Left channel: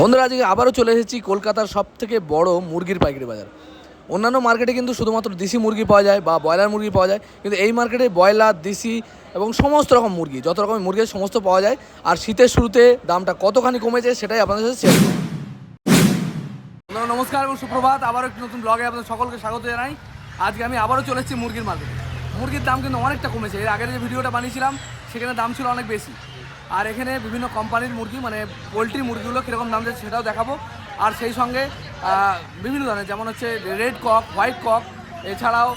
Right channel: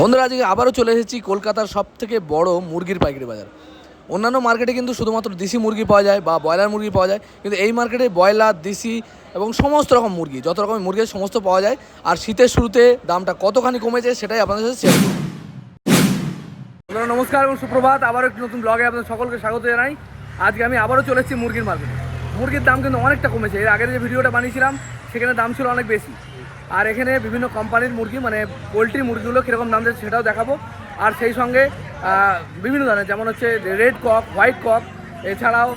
বন্ধুরা, আজকে আবারও চলে এসেছি কলকাতার সব থেকে বড় মুরগির পাইকারি বাজার। অন্যান্য মার্কেটে কিন্তু শুধুমাত্র দেশি মুরগি পাওয়া যায় বা ব্রয়লার মুরগি পাওয়া যায়, কিন্তু এই মার্কেটে ব্রয়লার, দেশি এবং সমস্ত রকম মুরগি, যত রকমের মুরগি সমস্ত পাওয়া যায়। আর শীতের শুরুতে দামটা কতখানি কমেছে সেটাই আপনাদের সাথে শেয়ার নমস্কার এবং সুপ্রভাত। আবারও একটি নতুন ব্লগে আপনাদের সকলকে স্বাগত জানাই। আজকে আমি আবারও চলে এসেছি মুরগির মার্কেটে মুরগির দাম কিন্তু অনেকটা কমেছে। এর আগের যে ভিডিওটা বানিয়েছিলাম, সেখানে দাম ছিল অনেক বেশি। আর এখানে বিভিন্ন কোম্পানির মুরগি মানে পোলট্রি মুরগিগুলো কীরকম দাম যাচ্ছে সেটাও দেখাবো। আর সেই সঙ্গে বিভিন্ন ধরনের, যেমন হচ্ছে রেড কক হোয়াইট কক, এছাড়াও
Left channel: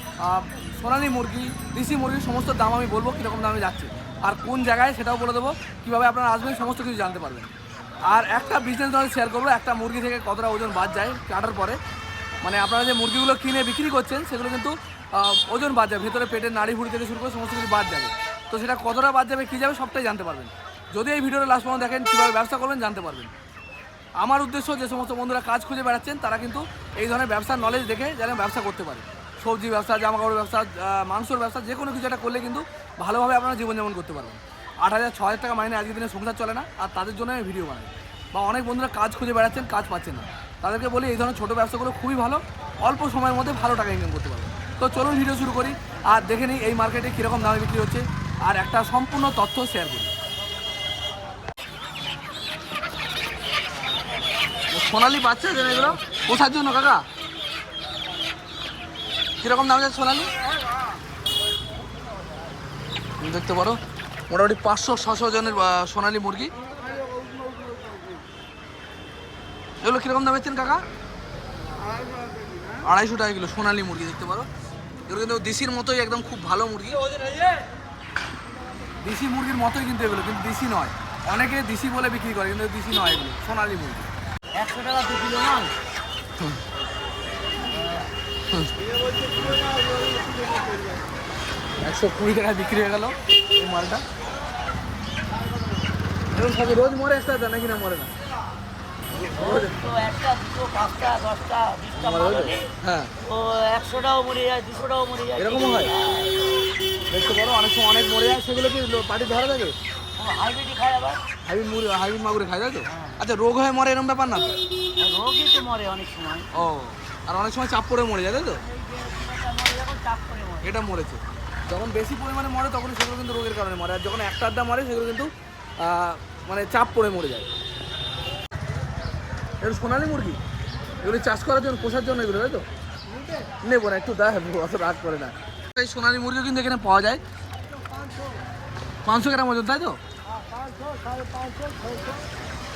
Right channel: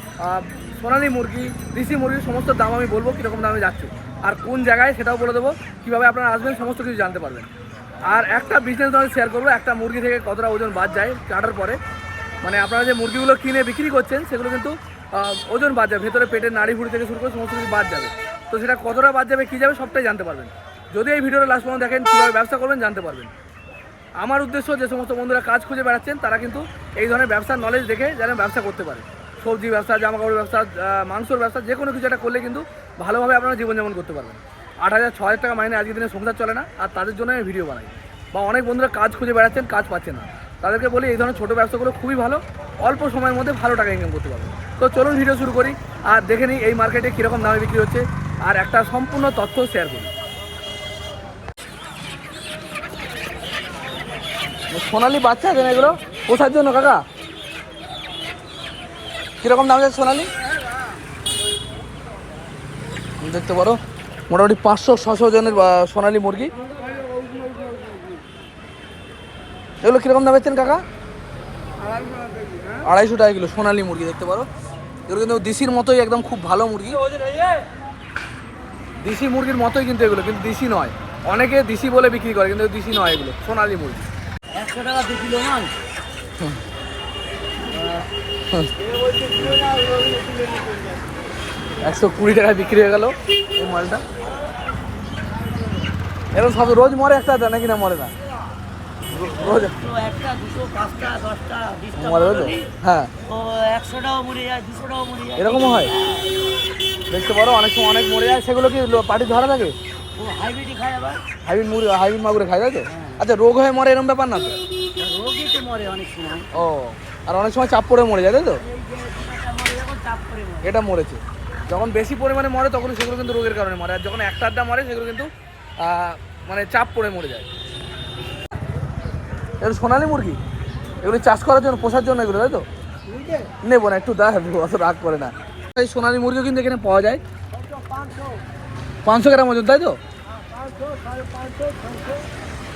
সোনালী মুরগি, দেশি মুরগি, সমস্ত দাম আমি বলব কীরকম দামে যাচ্ছে। আর কোন জায়গায় সেটাও বলে দেবো, কীভাবে আপনারা আসবেন, সমস্ত কিছু জানতে পারবেন। আর একটা বিজনেস আমি শেয়ার করব, একটা মুরগি থেকে কতটা ওজন বাদ যায়, কাটার পরে। মানে আপনারা যে মুরগিগুলো কিনে বিক্রি করছেন, সেগুলো কিন্তু ওজন বাদ যাবে ভেতরে পেটের নাড়ি ভুড়ি থেকে শুরু করে সমস্ত কিছু বাদ যাবে। তো সেটা কতটা বাদ যাবে, কী যাবে, সবটাই জানতে পারবেন। যদি এই ভিডিওটা লাস্ট পর্যন্ত দেখেন, কীভাবে ব্যবসা করবেন জানতে পারবেন। আমার উদ্দেশ্য যে সমস্ত বন্ধুরা কাজ খুঁজে বেড়াচ্ছেন, তারা কিন্তু এই ধরনের ব্যবসার নলেজ দেখে যেন ব্যবসা করতে পারে। সবজি ব্যবসা জামা কাপড় ব্যবসা মাংসর ব্যবসা, যে কোনো কিছু একটা করলে কিন্তু ভালোভাবে আপনারা জীবনযাপন করতে পারবেন। আট হাজার, ছ হাজার টাকা মাইনে আজকের দিনে সংসার চলে না, আর তাদের জন্য আমি ভিডিও বানাই। বা অনেক বন্ধুরা কাজ খুঁজে বেড়াচ্ছেন, কাজ পাচ্ছে না। তাদেরকে বলি, এই ধরনের ছোটো ব্যবসাগুলো খুবই ভালো। অল্প সময়ের মধ্যে ভালো টাকা ইনকাম করতে পারবেন। তো চলুন ভিডিও শুরু করি, আর দেখে নিই এই মার্কেটে কীরকম দামে বিক্রি হচ্ছে, আর একটা সম্পূর্ণ তথ্য শেয়ার করি। সোনালি বাচ্চা আছে এগুলো? পোষার জন্য, কাকা? কীরকম দাম যাচ্ছে সোনালি? দেখতে পারো, মোটামুটি পাঁচশো, ছশো জনের সোনালি মুরগি। এগুলো কীরকম দাম বেচছেন কাকা? আড়াইশো টাকা কিলো সোনালি মুরগি, দেখতে পারো। এগুলো কিন্তু দেশির মতোই একদম খুব ভালো মুরগি। দেশি মুরগির মতোই কিন্তু এগুলো, কিন্তু দেশি নয়। অনেকে দেশি বলে বিক্রি করে, কিন্তু দেশি নয় এগুলো, সোনালি মুরগি। একশো টাকা দু কিলো মাল। একশো কুড়ি টাকা বিক্রি হয়ে গেল এই মালটা। এরকম সব রোজ মরে একটা নাকি না মরে না? হ্যাঁ। ও একশোটাও মরে যায় দুশোটাও মরে যায়। এরকমও হয়? দেখতে পারো অনেক সময় অনেক মরে যায় সেগুলো কি পাটি ধরা থাকে? হাইব্রিড মুরগি হাইব্রিড মাগুরে খায়, তাই তো? আচ্ছা রোগ হয়ে মরে এরকম ব্যাপার না তো? ও, আর অনেক সময় চাপ পড়ে মরে যায়, তাই তো? এটা মরেছে। যখন বেশি পরিমাণে মরে, তখন সেগুলো কিন্তু রোগের কারণে মরে। আর যখন একটা আড্ডা মরে, সেগুলো কিন্তু মানে চাপ পড়ে মরে যায়। এগুলো সোনালি মুরগি? এগুলো চাষ করার জন্য, পোষার জন্য এগুলো, তাই তো? নেব না, একটু দা, অত রাগ করে না। এই সোনালি মুরগিও কিন্তু এখানে পাওয়া যায়। পাঁচশো গ্রাম ওজন, তাই তো?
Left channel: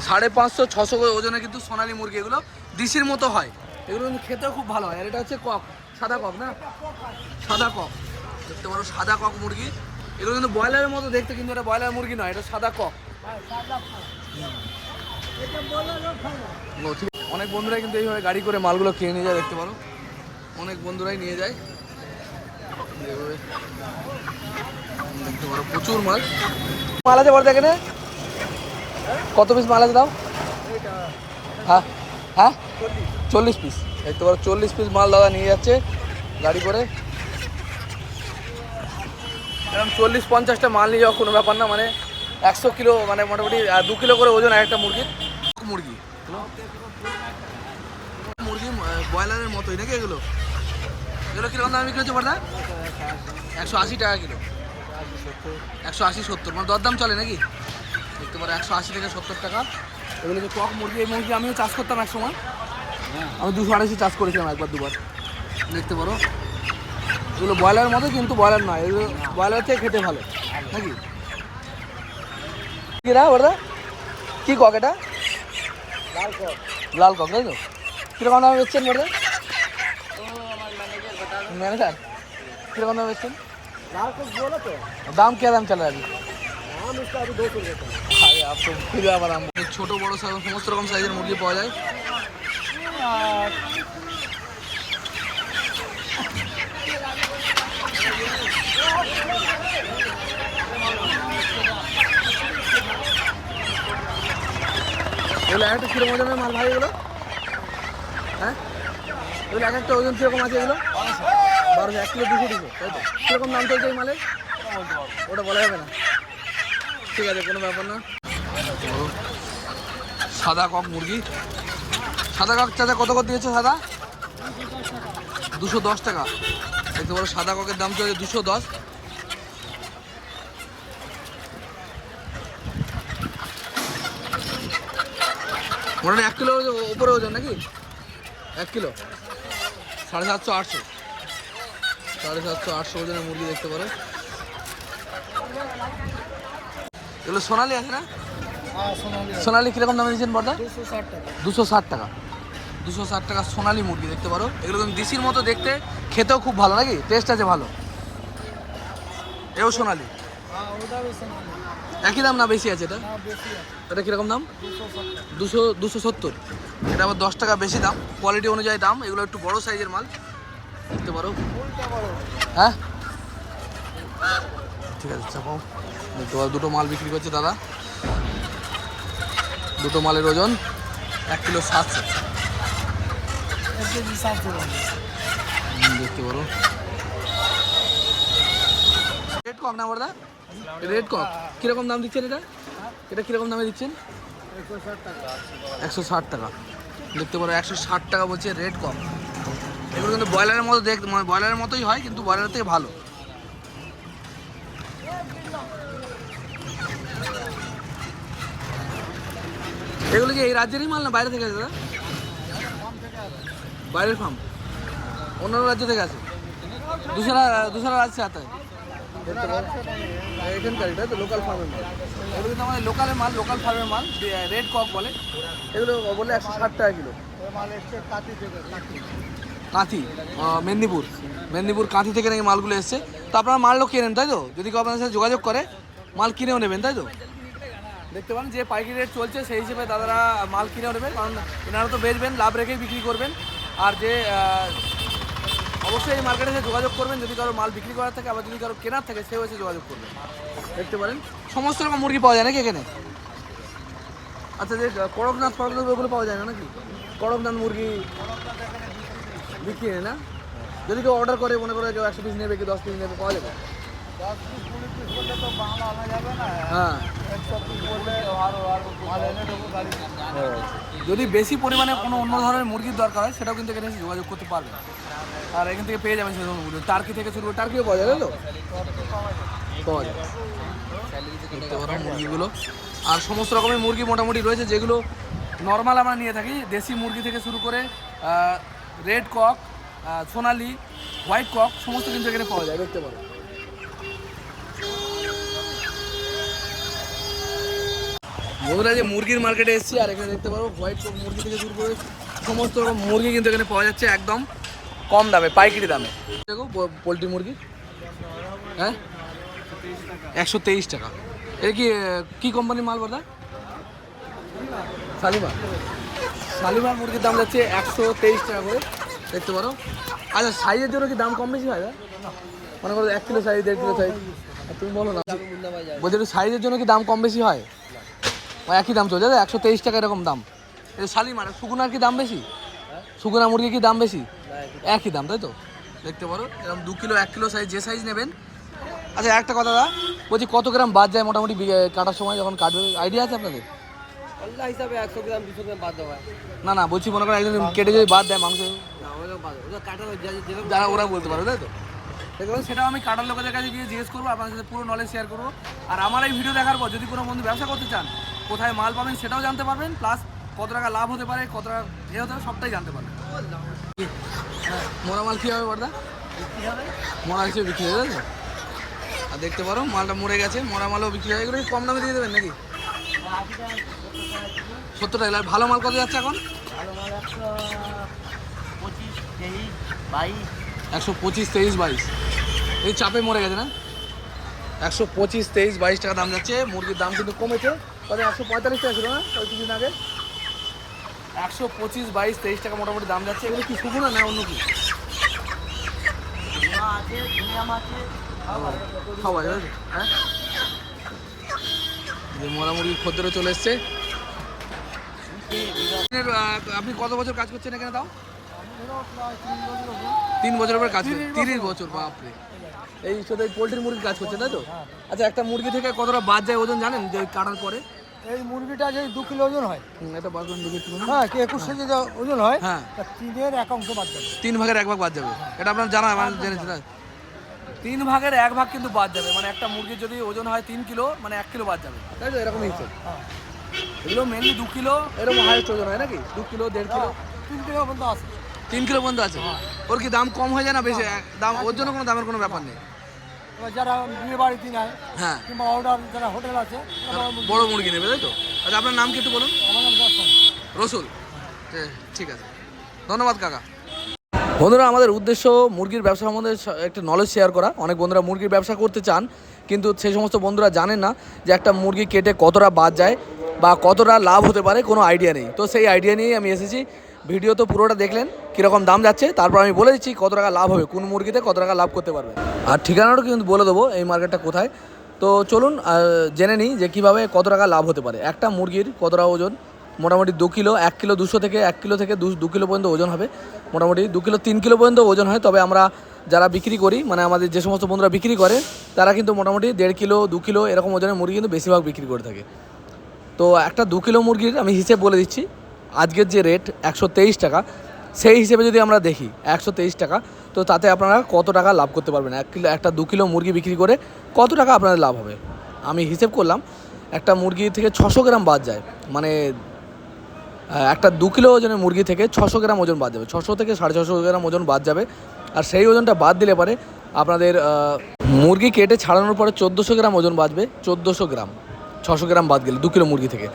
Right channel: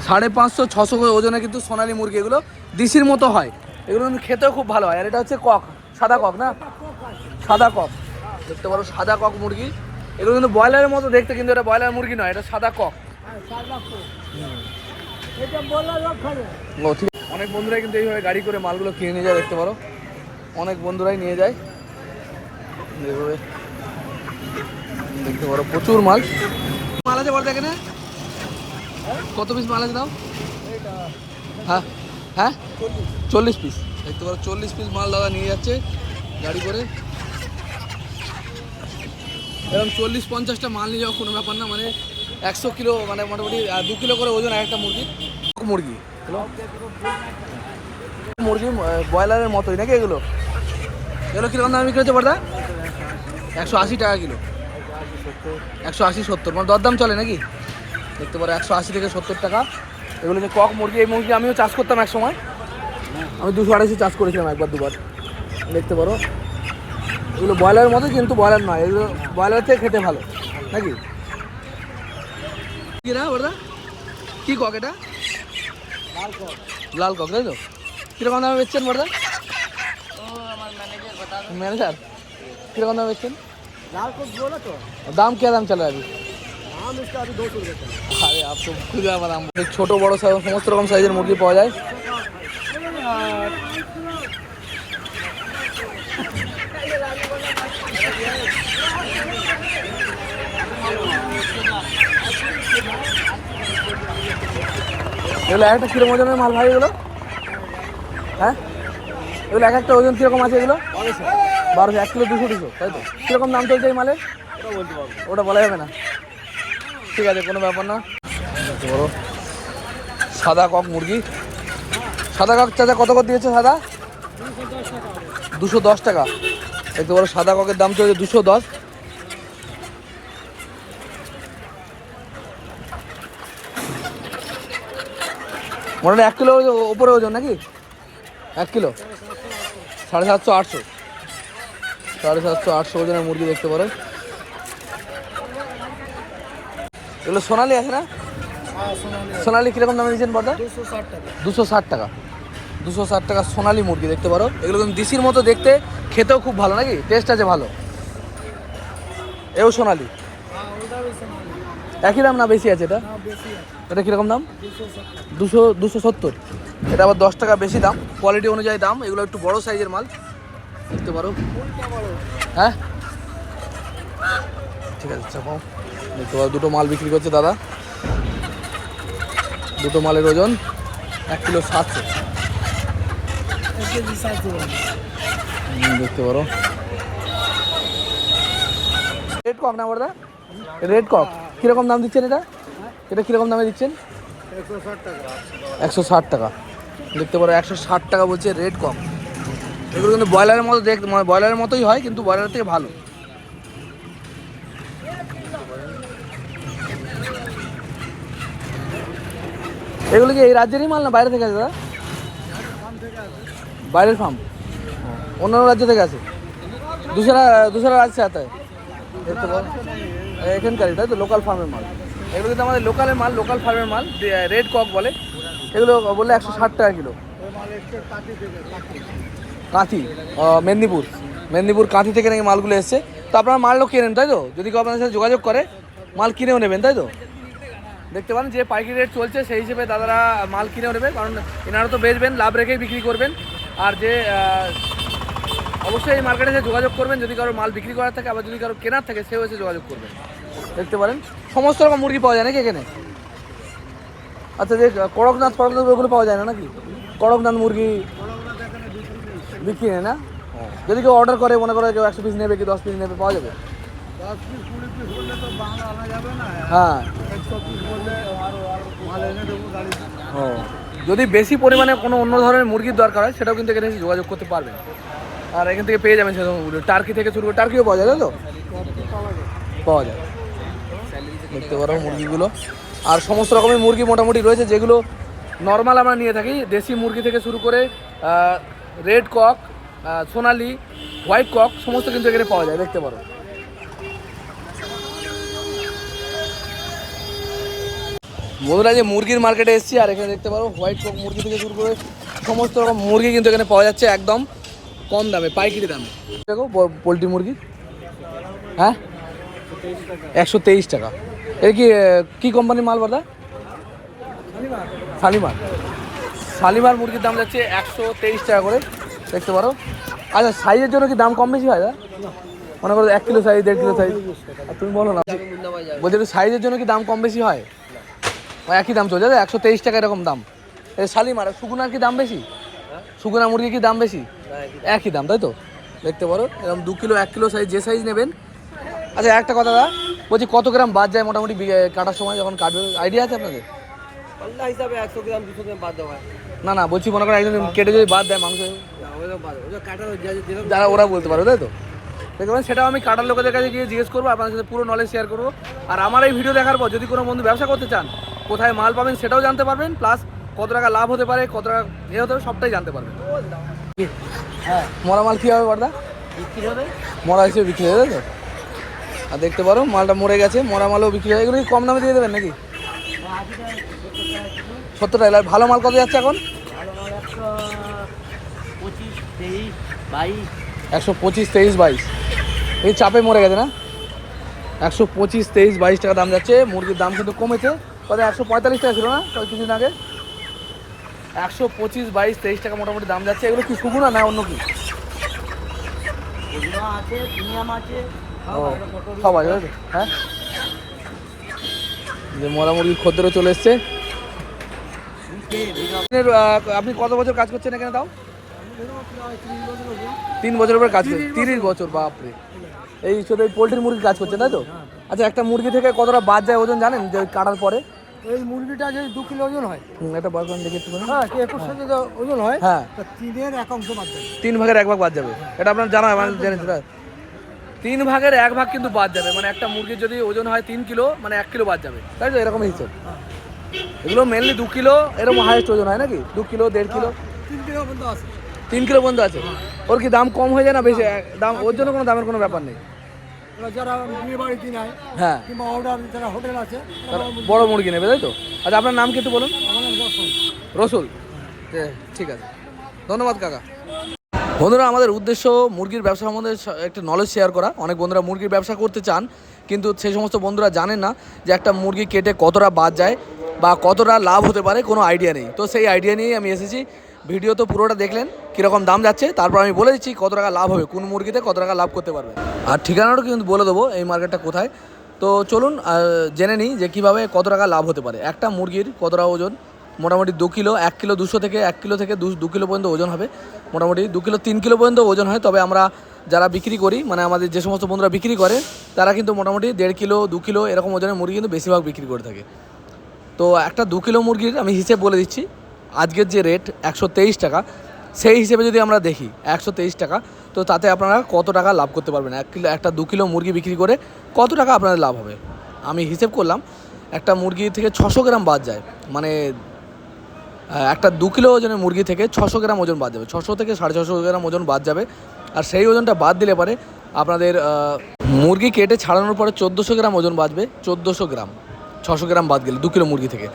সাড়ে পাঁচশো, ছশো ওজনে কিন্তু সোনালি মুরগি, এগুলো দিশির মতো হয়। এগুলো কিন্তু খেতেও খুব ভালো হয়। আর এটা হচ্ছে কক, সাদা কক না? সাদা কক। দেখতে পারো, সাদা কক মুরগি। এগুলো কিন্তু ব্রয়লারের মতো দেখতে, কিন্তু এটা ব্রয়লার মুরগি নয়, এটা সাদা কক। অনেক বন্ধুরাই কিন্তু এইভাবে গাড়ি করে মালগুলো কিনে নিয়ে যায়, দেখতে পারো। অনেক বন্ধুরাই নিয়ে যায়। দেখতে পারো প্রচুর মাল। মাল আছে বলতে এখানে? কত পিস মাল আছে দাও হ্যাঁ হ্যাঁ? চল্লিশ পিস দেখতে পারো চল্লিশ পিস মাল দাদা নিয়ে যাচ্ছে গাড়ি করে। এরকম চল্লিশ পঞ্চাশটা মাল নিয়ে যাওয়া কোনো ব্যাপার না মানে একশো কিলো মানে মোটামুটি দু কিলো করে ওজন একটা মুরগির। মুরগি? মুরগি ব্রয়লারের মতোই নাকি এগুলো? এগুলো কীরকম দাম বিক্রি হচ্ছে বড়দা? একশো আশি টাকা কিলো। একশো আশি সত্তর। মানে দরদাম চলে নাকি? দেখতে পারো, একশো আশি থেকে সত্তর টাকা। এগুলো যে কক মুরগি, এই মুরগি আমিও চাষ করতাম এক সময় আমি দুশো আড়াইশো চাষ করেছিলাম একবার, দুবার। দেখতে পারো। এগুলো ব্রয়লারের মতো, কিন্তু ব্রয়লার নয়। এগুলো ব্রয়লার থেকে খেতে ভালো। নাকি? কি না ওটা কি কক এটা? লাল কক, তাই তো? কীরকম দামে বেচছেন ওটা ম্যানেজার, কীরকম দামে বেচছেন? लाल को बोला तो दाम क्या दाम चल रहा है अभी हम इसका अभी दो सौ रुपये चला আরে আপনি খুঁজে আবার আম ছোট বড় সাইজ- সমস্ত রকম সাইজের মুরগি পাওয়া যায় এগুলো একটা কিরকম ওজনের মাল ভাই এগুলো হ্যাঁ এগুলো এক একটা ওজন কিরকম আছে এগুলো বারোশো, এক কিলো দুশো দুশো, তাই তো? কীরকম দাম চলছে এই মালের? ওটা বলা যাবে না। ঠিক আছে, কোনো ব্যাপার না। বড় সাদা কক মুরগি। সাদা কক চাচা কত করে দিয়েছে সাদা? দুশো দশ টাকা। দেখতে বড় সাদা ককের দাম চলছে দুশো দশ। মোটামুটি এক কিলো ওপরে ওজন নাকি? এক কিলো? সাড়ে সাতশো, আটশো। সাড়ে সাতশো আটশো ওজনের মুরগি দেখতে পারো এগুলো সোনালি আছে না? সোনালি কীরকম দামে দিচ্ছেন বর্দা? দুশো ষাট টাকা। দুশো ষাট টাকা। সোনালি মুরগি দেখতে পারো। এগুলো কিন্তু দিশির মতো দেখতে খেতেও খুব ভালো নাকি? টেস্ট আছে ভালো। এও সোনালি। হ্যাঁ বেশি একই দাম না বেশি আছে এটা? এটা কীরকম দাম? দুশো দুশো সত্তর। এটা আবার দশ টাকা বেশি দাম। কোয়ালিটি অনুযায়ী দাম। এগুলো একটু বড় সাইজের মাল। দেখতে পারো। হ্যাঁ? ঠিক আছে চাপাও। দেখতে পারো দুটো মাল বিক্রি করছে দাদা। দুটো মালের ওজন এক কিলো সাতশো দেখতে পারো। রেড কক না বড়দা রেড কক কীরকম দাম দিচ্ছেন এটা? এটা কীরকম দামে দিচ্ছেন? একশো ষাট টাকা। একশো ষাট টাকা। দেখতে পারো একশো ষাট টাকা বলছে রেড কক এগুলো কিন্তু ব্রয়লারের মতো দেখতে মানে ব্রয়লারের মতোই হয়, কিন্তু ব্রয়লারের থেকে ভালো। এগুলো কি এই রাজ্যেরই মাল না বাইরে থেকে আছে, দাদা? বাইরের ফার্ম অন্য রাজ্য থেকে আছে। দুসরা দুসরা রাজ্যে আছে দেখতে পাবো এখানকার এটা তো? লোকাল ফার্মের মাল। এগুলো কিন্তু আমাদের লোকালের মাল লোকাল ফার্মের মাল রেড কক বলে। এগুলো বললে একশো ষাট টাকা কিলো। কাঁথি মেদিনীপুর। মেদিনীপুর কাঁথি থেকে নাকি মালগুলো এসছে। তো আপনারা মালও কেনেন, তাই তো? যদি কেউ আপনাদের সাথে যোগাযোগ করে, মাল কিনেও নেবেন, তাই তো? দেখতে পারেন যে পাইকারি রেট চলছে, সেই হিসেবে দাদারা মাল কিনেও নেবে। কারণ এনারা তো বেচবেন, লাভ রেখেই বিক্রি করবেন। আর যে অবশ্যই এই মার্কেটে এসে যোগাযোগ করবেন। যদি কারও মাল বিক্রি করার থাকে, আবার যদি কারও কেনার থাকে, সেও এসে যোগাযোগ করবেন দেখতে পারেন। সমস্ত রকম মুরগি পাওয়া যায় নাকি এখানে? আচ্ছা যে কড়কনাথ ফড়কনাথ ওগুলো পাওয়া যায় না নাকি? কড়কনাথ মুরগি বিক্রি না? যদি কেউ অর্ডার করে, মনে করে কেউ একশো পিস নেবে কি দশ পিস নেবে, পাওয়া যাবে? হ্যাঁ। যদি বেশি পরিমাণে কোনো অন্য ধরনের মুরগির দরকার হয়, সেটাও কিন্তু এখানে এসে যোগাযোগ করতে পারবেন। আর এখান থেকে পেয়ে যাবেন সেরকম টার্কি থেকে শুরু করে টার্কিও পাওয়া যায় তো? পাওয়া যায়। দেখতে পারো মুরগিগুলো। আর সমস্ত রকমের মুরগি মোটামুটি রয়েছে, যেগুলো নর্মাল আমরা নিয়ে থাকি। দেশি মুরগি থেকে শুরু করে রেড কক সোনালি, হোয়াইট কক, সমস্ত কিন্তু এখানে পাওয়া যায়, দেখতে পারো। বন্ধুরা, যে মুরগির মার্কেটে এসেছি, আর এখানে দেখতে পারো, হোয়াইট কক মুরগি থেকে শুরু করে সমস্ত রকম মুরগি কিন্তু এখানে পাওয়া যাচ্ছে একদম কম দামে, পাইকারি দামে। দেখো পোলট্রি মুরগি। হ্যাঁ? একশো তেইশ টাকা। এর কি কি কোম্পানির মাল বলা শালিমার শালিমার মুরগির দাম যাচ্ছে একশো তেইশ টাকা করে, দেখতে পারো। আচ্ছা সাইজের জন্য কি দাম কম বেশি হয় মনে করো এক কিলো সাইজ, দেড় কিলো সাইজ। তুমি বলো না। বলছি সাইজের জন্য কি দাম কম বেশি হয়? একই দাম চলছে একশো তেইশ টাকা এরকম দাম। শালিমার সুগুনার কি দাম বেশি? সুগুনা মুরগির কি দাম বেশি? একই দাম, তাই তো? দেখতে পারো, এরকম দু কিলো, এক কিলো সাইজ, যে সাইজ নেবেন। আচ্ছা একটা কথা দা বলছি, কত গ্রাম বাদ যায় মোটামুটি কাটার সময় যখন কাটবে? আইডিয়া আছে আপনাদের? পাল্লা হিসাবে একশো গ্রাম দুশো গ্রাম বাদ দেওয়া না না বলছি মনে করেন একজন কেটে যদি বাদ দেয় মাংস যারা ওরা বলতে পারবে তাই তো? দেখবেন সেটাও আমি কাটার লোকেদের কাছে গিয়ে জিজ্ঞেস করব আপনাদের সাথে পুরো নলেজ শেয়ার করব। আর আমার এই ভিডিও দেখার পর যদি কোনো বন্ধু ব্যবসা করতে চান কোথায় মাল পাবেন সেটাও জানতে পারবেন প্লাস কত টাকা লাভ হতে পারে কত টাকা এ হতে পারে সবটাই জানতে পারবেন? হ্যাঁ মরা মাল কী হবে বর্দা? বিক্রি হবে? মরা হিসেবে বিক্রি হয়ে যাবে তো? আর দেখতে পারো মালটা মরে গেছে মরা মালও বিক্রি হয় এগুলো কম দামে দিয়ে দেবেন নাকি আশি টাকা সত্তর টাকা কিলো সত্তর টাকা আর ভালো মাল কত যাচ্ছে এখন? একশো পঁচিশ তেইশ বাইশ। এই চাপে মরে গেছে না? একশো পঁচিশ তেইশ বাইশ টাকা দাম যাচ্ছে মুরগির দাম কিন্তু কমেছে। কত একশো পঁয়তাল্লিশ টাকা ছিল না? কিছুদিন আগে? একশো পঁচিশ বাইশ তেইশ টাকা মোটামুটি দাম যাচ্ছে। এগুলো কি শুকুনা না অন্য কি? সব আছে। হ্যাঁ? যে মরা মুরগির খদ্দেরও চলে এসছে। আপনি কত বছর কাজ করছেন এখানে তাও? তিন বছর পরে কাজ করছেন তিরিশ বছর বাপরে। এই শুধু এই পোলট্রির মুরগি কাজ করছেন তাই তো? আচ্ছা একটা মুরগি থেকে কতটা বাদ যায় ওজন জানেন যে কাটার পরে? এই মুরগিটা যদি দু কিলো ওজন হয়। বার করেন দেখি একটু হ্যাঁ একুশ কেজি ওজন হয় হ্যাঁ। তিনের এক অংশ বাদ যাবে। তিন ভাগের এক ভাগ বাদ যাবে। এটা আপনার জানা মানে জেনেছেন না? তিন ভাগের এক ভাগ কিন্তু বাদ যাবে। মানে একটা মুরগির যদি ওজন হয় তিন কিলো মানে এক কিলো বাদ যাবে। তাই তো? এরকম হিসেব হ্যাঁ। এগুলো মেনলি দু কিলো, এরকম হাইস্ট ওজন হয় নাকি? দু কিলো, দেড় কিলো? তিন কিলো পর্যন্ত আছে। ওর কি দাম কম হয়ে যায় না বেশি? দাম, ওর জন্য কোনো দামের কোনো ব্যাপার নেই? যারা বিয়ে বাড়িতে নেয় হ্যাঁ। কিংবা অর্ডার যারা হোটেল আছে বড় মুরগি নেবে, তাই তো? আচ্ছা আপনার নাম কি একটু বলুন? দর্শন রসুল ঠিক আছে। ধন্যবাদ, কাকা। বন্ধুরা, আমাদের উদ্দেশ্য মুরগির ব্যবসা সম্বন্ধে একটা নলেজ শেয়ার করা। অনেক বন্ধুরা মুরগির ব্যবসা করতে চান, কিন্তু সেই সমস্ত বন্ধুরা জানেন না যে একটা মুরগি কেটে কতটা বাদ যায়। বা কতটা লাভ হতে পারে কোনো আইডিয়া নেই। তো সেই আইডিয়া নিয়েই আমি এসেছি। ভিডিও তো পুরোটা দেখলেন, কীরকম দাম যাচ্ছে, তারপর আমি বলে দিচ্ছি কত টাকা লাভ হবে, কোন মুরগিতে কত টাকা লাভ করতে পারবে। আর ঠিকানাটাও কিন্তু বলে দেবো, এই মার্কেটটা কোথায়। তো চলুন জেনে নিই যে কীভাবে কত টাকা লাভ হতে পারে। একটা মুরগির কতটা ওজন? মোটামুটি দু কিলো, এক কিলো দুশো থেকে এক কিলো থেকে দু কিলো পর্যন্ত ওজন হবে। মোটামুটি দু কিলো, তিন কিলো পর্যন্ত ওজন হয়, তবে আমরা যারা বিক্রি করি মানে আমাদের যে সমস্ত বন্ধুরা বিক্রি করে, তারা কিন্তু মোটামুটি দেড় কিলো, দু কিলো এরকম ওজনের মুরগি কিন্তু বেশিরভাগ বিক্রি করে থাকে। তো একটা দু কিলো মুরগির আমি হিসেব বলে দিচ্ছি। আজকের যে রেট একশো তেইশ টাকা, সেই হিসেবে যদি আমরা দেখি একশো তেইশ টাকা, তো তাতে আপনারা কত টাকা লাভ করতে পারবেন? এক কিলো, একটা দু কিলো মুরগি বিক্রি করে কত টাকা আপনাদের লাভ হবে? আমি হিসেব করলাম, একটা মুরগি থেকে ছশো গ্রাম বাদ যায়। মানে একটা দু কিলো ওজনের মুরগি থেকে ছশো গ্রাম ওজন বাদ যাবে। ছশো থেকে সাড়ে ছশো গ্রাম ওজন বাদ যাবে। আর সেই ওজনটা বাদ দিলে পরে আপনাদের মুরগি কেটে ছাড়ানোর পরে চোদ্দোশো গ্রাম ওজন বাঁচবে, চোদ্দোশো গ্রাম। ছশো গ্রাম বাদ গেলে, দু কিলো মুরগি থেকে।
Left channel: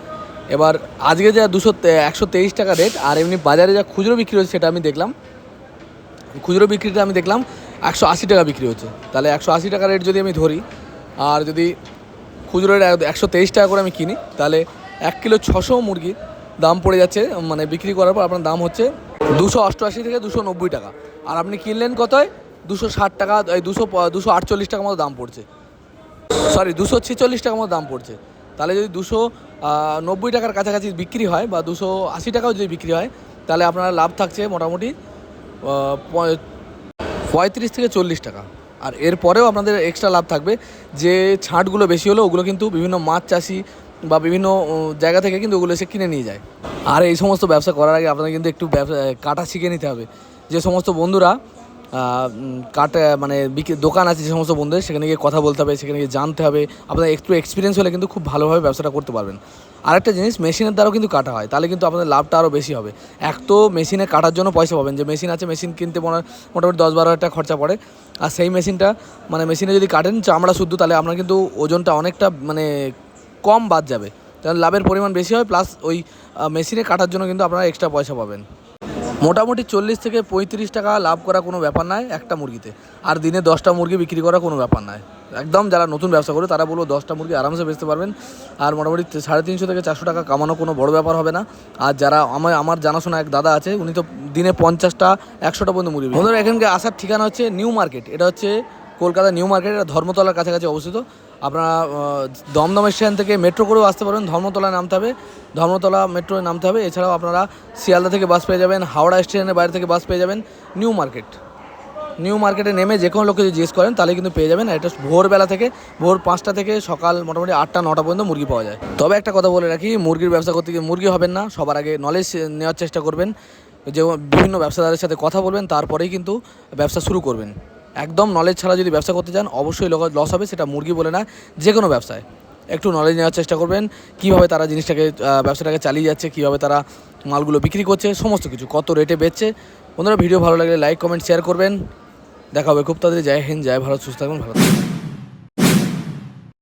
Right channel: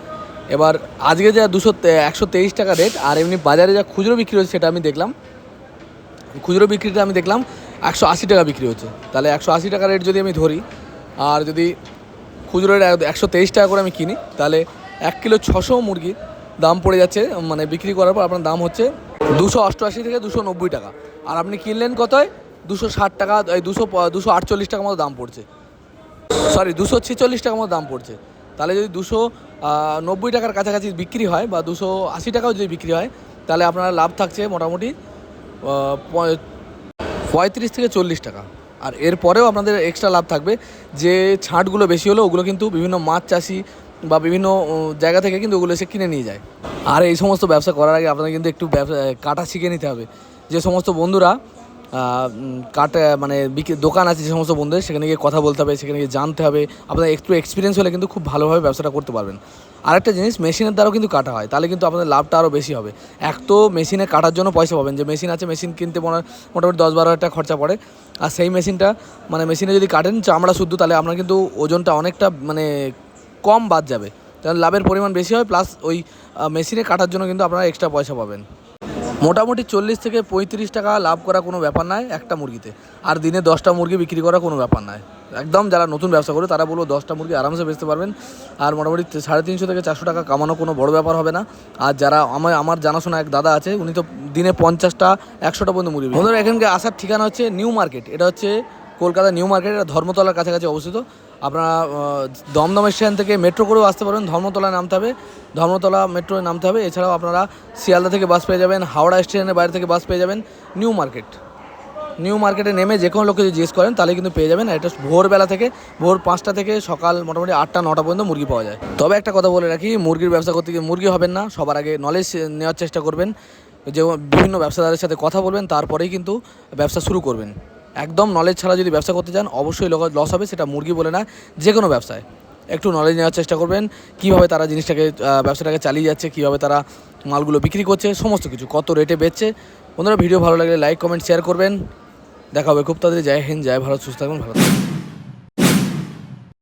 এবার আজকে যা দুশো একশো তেইশ টাকা রেট আর এমনি বাজারে যা খুচরো বিক্রি হচ্ছে সেটা আমি দেখলাম, খুচরো বিক্রিটা আমি দেখলাম, একশো আশি টাকা বিক্রি হচ্ছে তাহলে একশো আশি টাকা রেট যদি আমি ধরি, আর যদি খুচরো রেট একশো তেইশ টাকা করে আমি কিনি, তাহলে এক কিলো ছশো মুরগির দাম পড়ে যাচ্ছে মানে বিক্রি করার পর আপনার দাম হচ্ছে দুশো অষ্টআশি থেকে দুশো নব্বই টাকা। আর আপনি কিনলেন কতয়? দুশো ষাট টাকা দুশো দুশো আটচল্লিশ টাকা মতো দাম পড়ছে। সরি দুশো ছেচল্লিশ টাকা মতো দাম পড়ছে। তাহলে যদি দুশো নব্বই টাকার কাছাকাছি বিক্রি হয় বা দুশো আশি টাকাও যদি বিক্রি হয়, তাহলে আপনার লাভ থাকছে মোটামুটি পঁয়ত্রিশ থেকে চল্লিশ টাকা। আর এরপরেও আপনাদের এক্সট্রা লাভ থাকবে, যে ছাঁটগুলো বেশি হলো ওগুলো কিন্তু বিভিন্ন মাছ চাষি বা বিভিন্ন জায়গা থেকে কিন্তু ওগুলো এসে কিনে নিয়ে যায়। আর এই সমস্ত ব্যবসা করার আগে আপনাদের কিন্তু একটু ব্যবসা কাটা শিখে নিতে হবে। যে সমস্ত বন্ধুরা কাটা মানে দোকান আছে যে সমস্ত বন্ধুদের, সেখানে গিয়ে কথা বলতে হবে, সেখানে গিয়ে জানতে হবে। আপনার একটু এক্সপিরিয়েন্স হলে কিন্তু খুব ভালোভাবে ব্যবসাটা করতে পারবেন। আরেকটা জিনিস মেশিনের দ্বারাও কিন্তু কাটা হয়, তাহলে কিন্তু আপনাদের লাভটা আরও বেশি হবে। এক তো মেশিনে কাটার জন্য পয়সা পাবেন, যে মেশিন আছে মেশিন কিনতে মোটামুটি দশ বারো হাজার খরচা পড়ে। আর সেই মেশিনটা মানে মেশিনে যদি কাটেন চামড়া শুদ্ধ, তাহলে আপনার কিন্তু ওজনটা অনেকটা মানে কম বাদ যাবে। তাহলে লাভের পরিমাণ বেশি হয় প্লাস ওই মেশিনে কাটার জন্য কিন্তু আপনারা এক্সট্রা পয়সা পাবেন। মোটামুটি চল্লিশ থেকে পঁয়ত্রিশ টাকা লাভ করা কোনো ব্যাপার নয় একটা মুরগিতে। আর দিনে দশটা মুরগি বিক্রি করা কোনো ব্যাপার নয় একদম যারা নতুন ব্যবসা করে তারা বলব দশটা মুরগি আরামসে বেচতে পারবেন। আর মোটামুটি সাড়ে তিনশো থেকে চারশো টাকা কামানো কোনো বড় ব্যাপার হবে না। আর যারা আমার আমার জানাশোনা এক দাদা আছে, উনি তো দিনে পঞ্চাশটা, একশোটা পর্যন্ত মুরগি বন্ধুরা এখানকে আসার ঠিকানা হচ্ছে নিউ মার্কেট। এটা হচ্ছে কলকাতা নিউ মার্কেট ধর্মতলার কাছাকাছি অবস্থিত। আপনারা দমদম স্টেশন থেকে মেট্রো করেও আসতে পারবেন ধর্মতলায় নামতে হবে। ধর্মতলা মেট্রোয় নামতে হবে, এছাড়াও আপনারা শিয়ালদা থেকে বাস পেয়ে যাবেন, হাওড়া স্টেশনের বাইরে থেকে বাস পেয়ে যাবেন, নিউ মার্কেট। নিউ মার্কেটে নেমে যে কোনো লোককে জিজ্ঞেস করেন, তাহলে কিন্তু পেয়ে যাবেন। এটা ভোরবেলা থেকে, ভোর পাঁচটা থেকে সকাল মোটামুটি আটটা, নটা পর্যন্ত মুরগি পাওয়া যায়। তবে একটা কথা বলে রাখি, মুরগির ব্যবসা করতে গিয়ে মুরগি হবেন না, সবার আগে নলেজ নেওয়ার চেষ্টা করবেন, যে বিভিন্ন ব্যবসাদারের সাথে কথা বলবেন, তারপরেই কিন্তু ব্যবসা শুরু করবেন। একদম নলেজ ছাড়া যদি ব্যবসা করতে চান, অবশ্যই লস হবে, সেটা মুরগি বলে না যে কোনো ব্যবসায়। একটু নলেজ নেওয়ার চেষ্টা করবেন, কীভাবে তারা জিনিসটাকে ব্যবসাটাকে চালিয়ে যাচ্ছে, কীভাবে তারা মালগুলো বিক্রি করছে, সমস্ত কিছু, কত রেটে বেচছে। বন্ধুরা ভিডিও ভালো লাগলে লাইক কমেন্ট শেয়ার করবেন। দেখা হবে খুব তাড়াতাড়ি। জয় হিন্দ, জয় ভারত, সুস্থ থাকবেন ভালো থাকবেন